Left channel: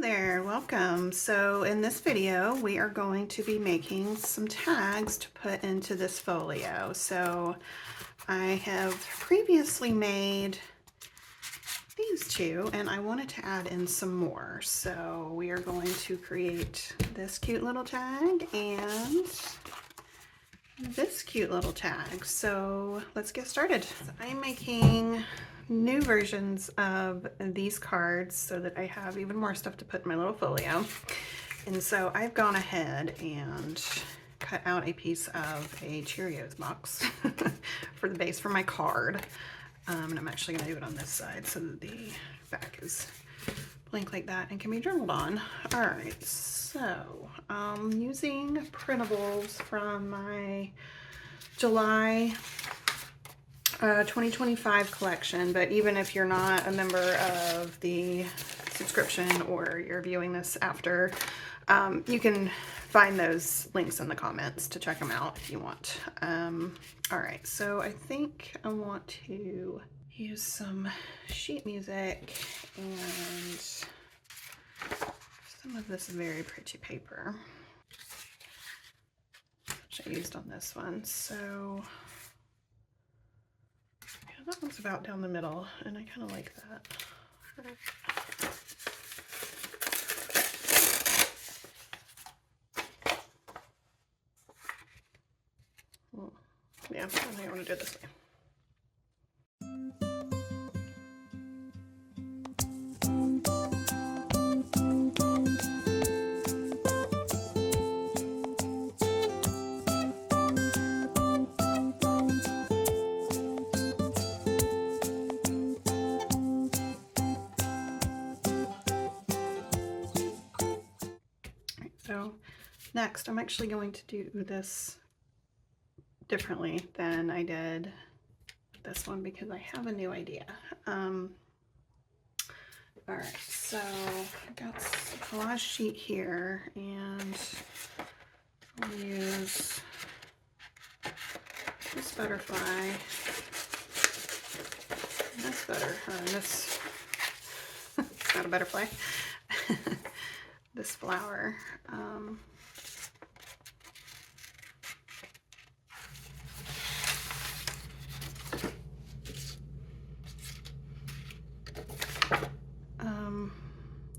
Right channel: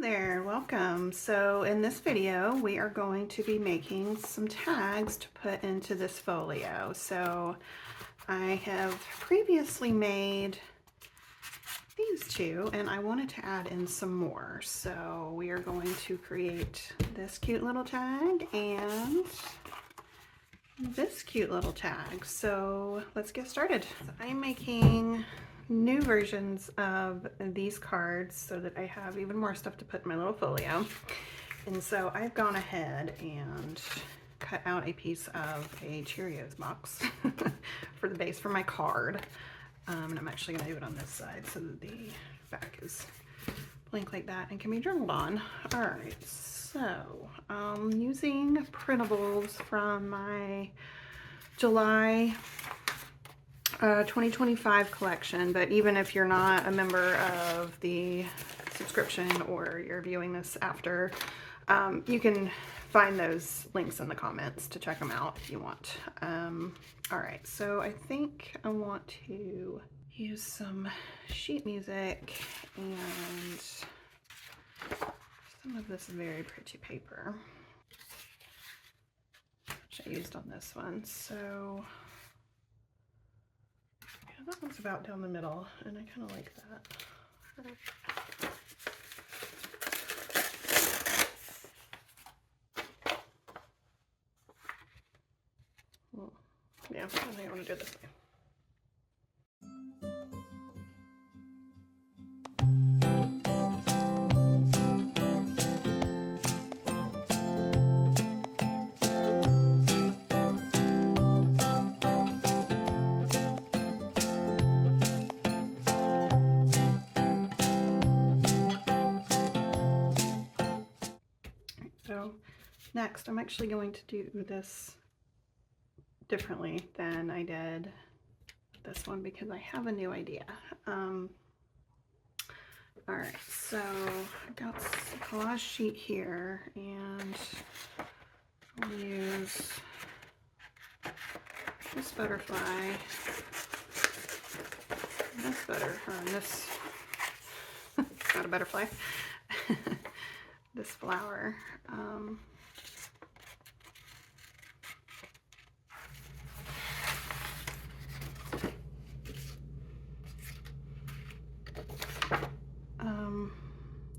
Hello there, welcome. So in this video, we are going to be making some tags to put into this folio. So I have previously made these two and I wanted to add in some more. So we are going to create this cute little tag and this cute little tag. So let's get started. So I'm making new versions of these cards so that I have even more stuff to put in my little folio. And so I've gone ahead and cut out a piece of a Cheerios box for the base for my card. And I'm actually going to do it on this side so that the back is blank like that and can be journaled on. All right, so using Printables from my July 2025 collection, but even if you're not a member of the subscription or you're viewing this after, you can find those links in the comments to check them out if you want. All right, so I think I want to use some sheet music and some of this very pretty paper, which I used on this one. So that one's about down the middle, and I kind of like that. Yeah, I think I want to do this one. So next, I'm actually going to do this differently than I did this one because I have a new idea. All right, so I've got a collage sheet here, and I'll use this butterfly, and this it's not a butterfly, this flower.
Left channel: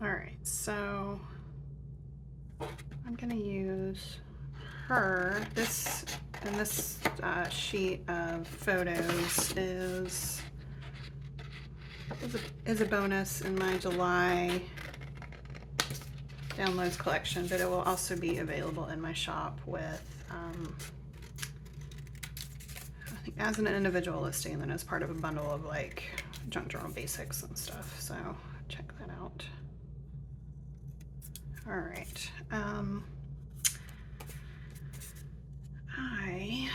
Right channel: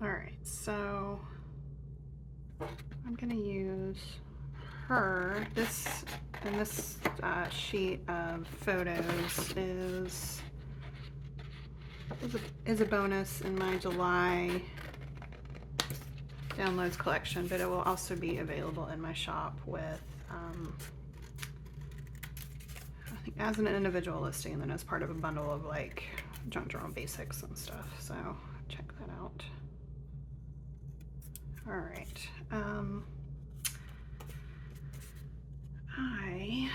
All right, so I'm gonna use her. This sheet of photos is a bonus in my July downloads collection, but it will also be available in my shop with I think as an individual listing and then as part of a bundle of like junk journal basics and stuff. So check that out. All right. I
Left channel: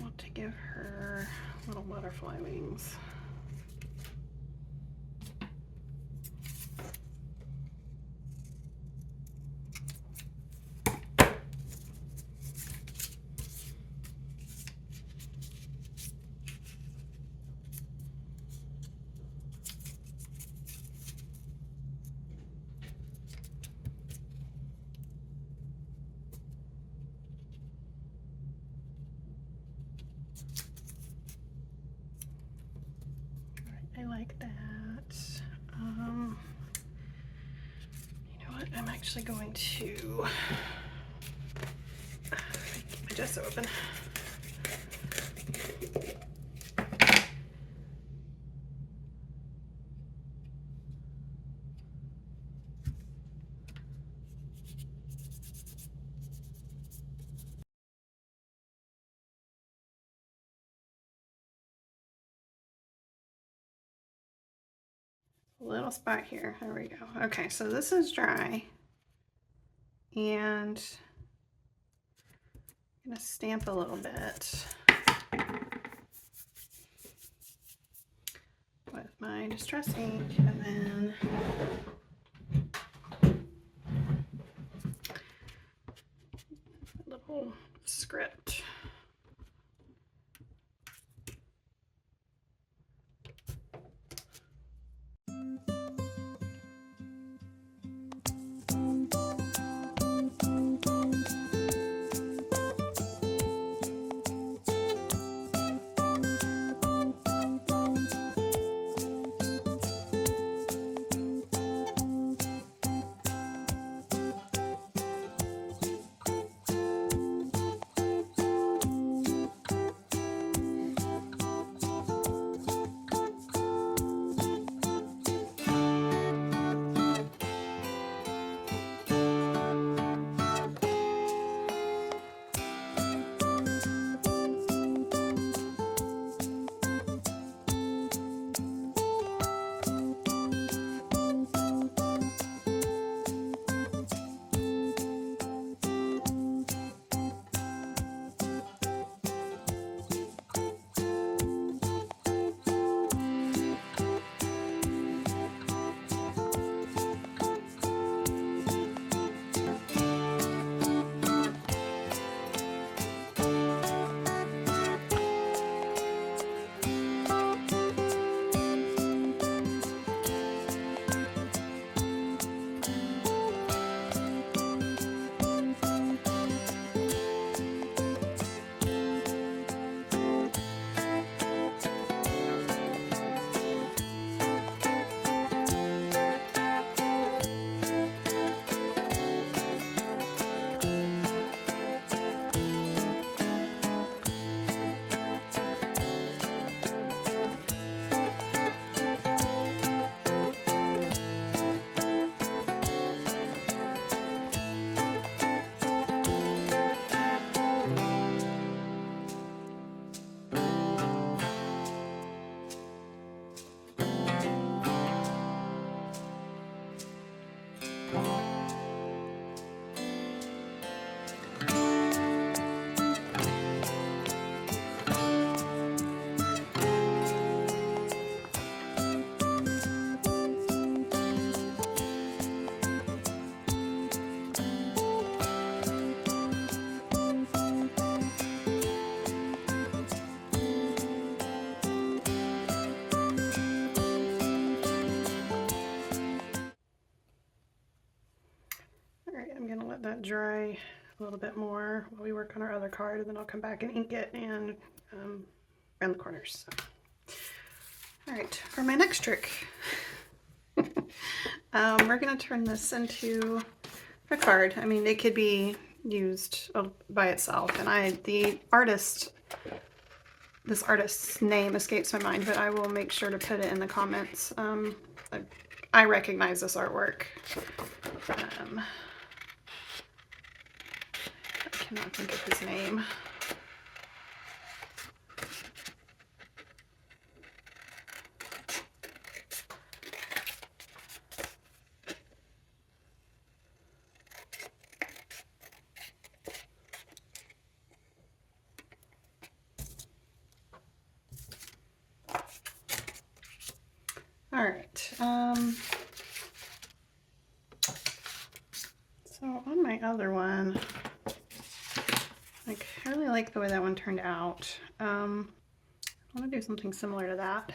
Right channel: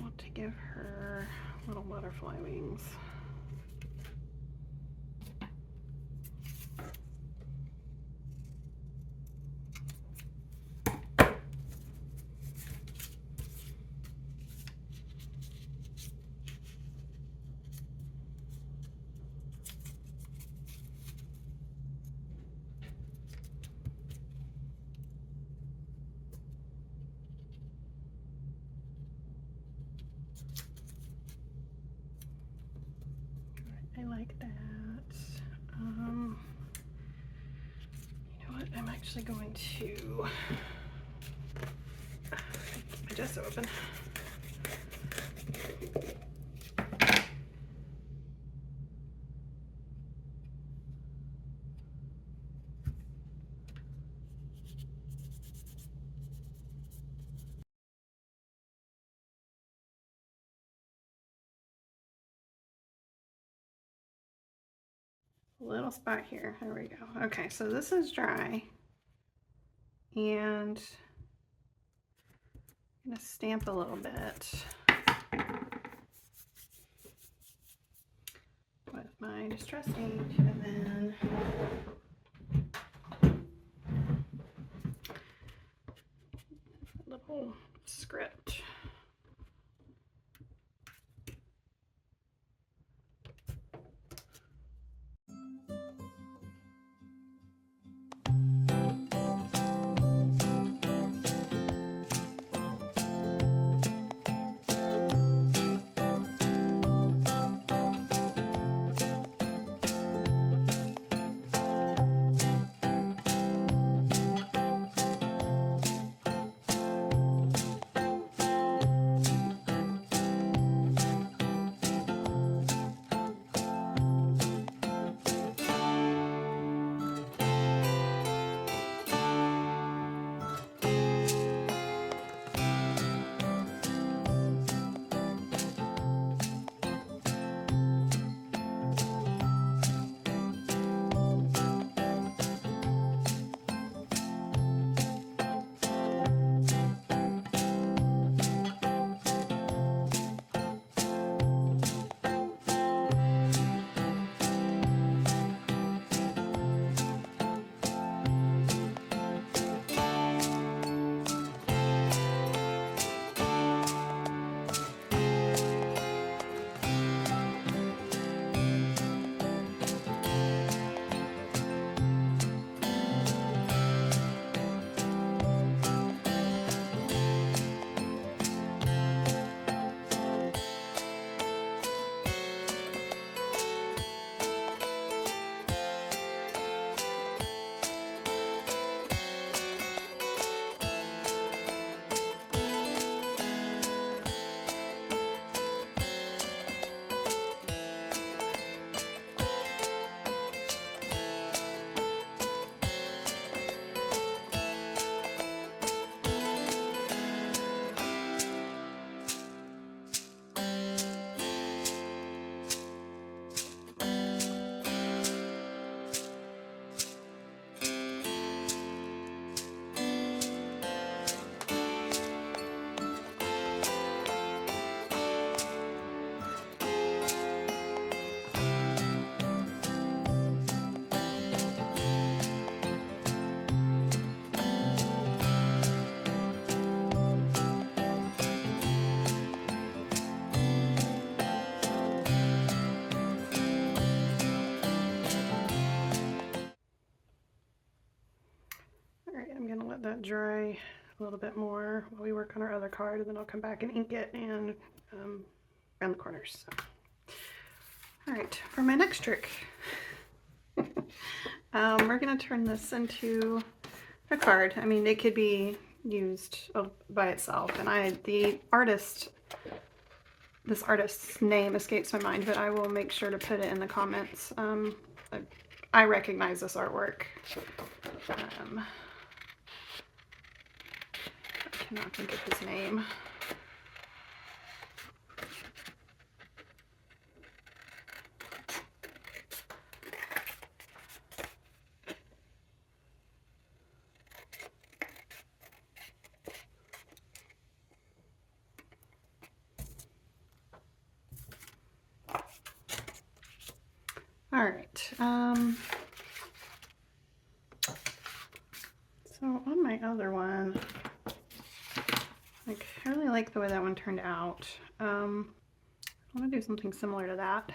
want to give her little butterfly wings. I like that. You know what? I'm actually going to keep my gesso open. Little spot here. There we go. Okay, so this is dry, and I'm gonna stamp a little bit with my distress ink, and then a little script. let that dry a little bit more while we work on our other card, and then I'll come back and ink it and around the corners. So. All right, for my next trick, we're going to turn this into a card. I mean, it could be used by itself, and this artist's name escapes my mind, but I will make sure to put it in the comments. I recognize this artwork. I cannot think of his name. All right. So on my other one, I really like the way that one turned out. I want to do something similar to that.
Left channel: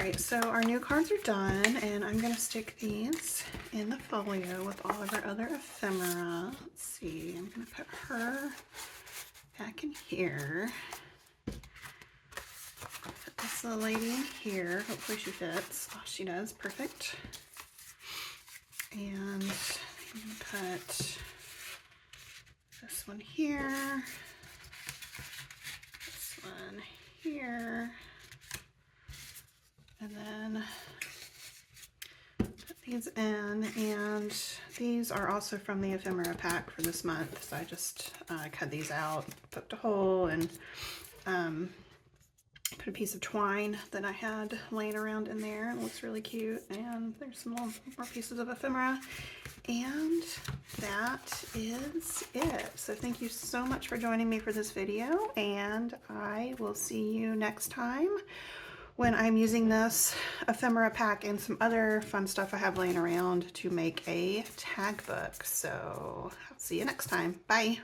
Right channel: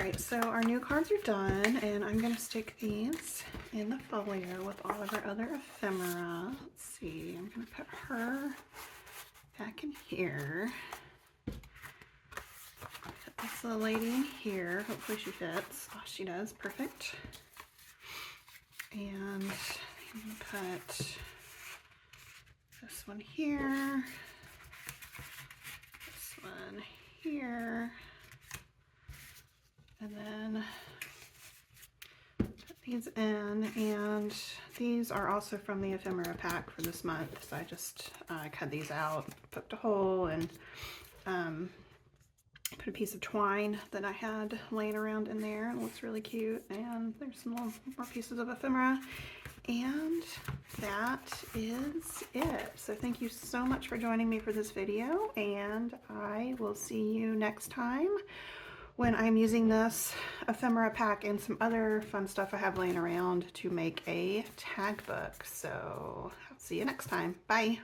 Alright, so our new cards are done, and I'm going to stick these in the folio with all of our other ephemera. Let's see, I'm going to put her back in here. Put this little lady in here. Hopefully she fits. Oh, she does. Perfect. And I'm going to put this one here. This one here. And then put these in, and these are also from the ephemera pack for this month. So I just cut these out, poked a hole, and put a piece of twine that I had laying around in there. It looks really cute. And there's some more pieces of ephemera. And that is it. So thank you so much for joining me for this video, and I will see you next time when I'm using this ephemera pack and some other fun stuff I have laying around to make a tag book. So I'll see you next time. Bye.